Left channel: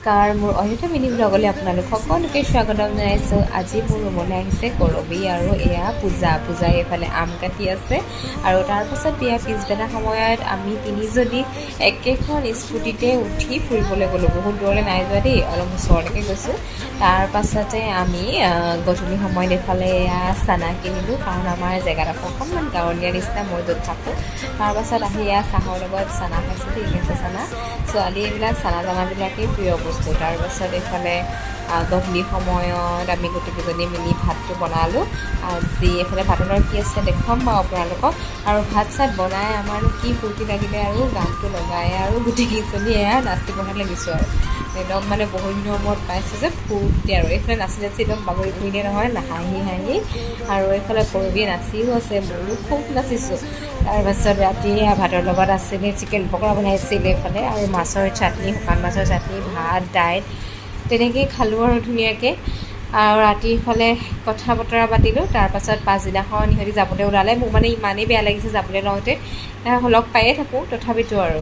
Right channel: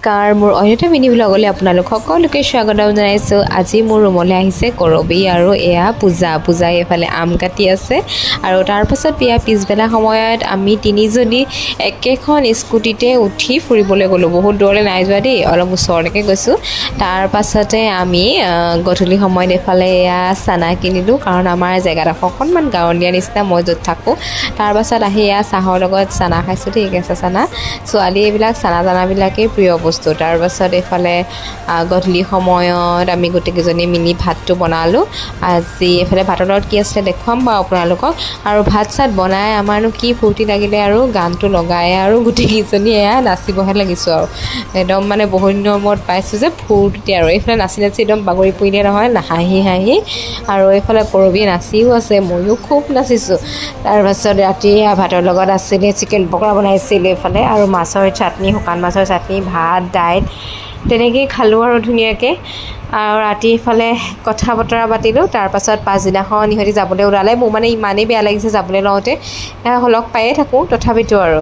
নমস্কাৰ, মোৰ অন্যথা মিনি ব্লগলৈ আপোনালোক সকলোকে স্বাগতম জনাইছোঁ। আজি মোৰ ৰুমলৈ আহিছে কৰবী আৰু এয়া পূজাই এইফালে আম কাটি আছে। আৰু তাৰপাছত বিয়া পিছবেলা সময়ত আমি তিনিজনী একেখন স্কুটিতে উঠি ফুৰিবলৈ গ'লোঁ। বহুত দূৰলৈ নাই যোৱা দেই, অলপ ওচৰলৈকে গৈছোঁ। তাৰপাছতে আমি গধূলি সময়ত এইফালে এয়া চানা কিনিলোঁ, কাৰণ আমাৰ জেগাডোখৰ অকণমান গাঁৱলীয়া নিচিনা, মই য'ত থাকোঁ। তাৰপাছত আহি এয়া চাহৰ লগত চানা খাইছোঁ দেই, কেঁচা চানা। ছোৱালী এইবিলাক চানাবিলাকেই প্ৰিয় বস্তু। তাৰপাছত এইফালে গধূলি সময়ত আমি গোটেইকেইজনী মিলি ভাতটো বনালোঁ। আজি এইফালে ভাতৰ লগত কি আছিলে দেখুৱাম বাৰু আপোনালোকক। আৰু ভাত চাত বনাই আমাৰনো কি ফূৰ্তি লাগিলে, আৰু গানটো লগাই আৰু গোটেইকেইজনী এয়া নাচিবহে লাগিছোঁ। আৰু একদম মানে বহুত দিনৰ মূৰত পাইছোঁ যে ফূৰ্তি, আৰু এইফালে নাচি একদম বাগৰি পৰিলে নহয়, হাঁহি। আৰু এইফালে কৰবী নাচিও আছে, ময়ো খুব নাচিছোঁ। তাৰপাছত ৰাতি ভাতৰ লগত আছিলে চিকেন পকৰা বনাইছিল এইফালে, আৰু মাছৰ চাটনি, শুকান মাছৰ চাটনি, ভাত, দাইল তেনেকেই খালোঁ আৰু ধুনীয়াকৈ। আৰু ৰাতি ইফালে কথা বতৰা পাতিলোঁ। তাৰপাছত পাছদিনাখন ইহঁতি যাবলৈ ওলালে। মোৰ মানে ইমানেই বেয়া লাগিছে যাবলৈ লওঁতে, লগ পায়ে থাকোঁ তথাপিতো আৰু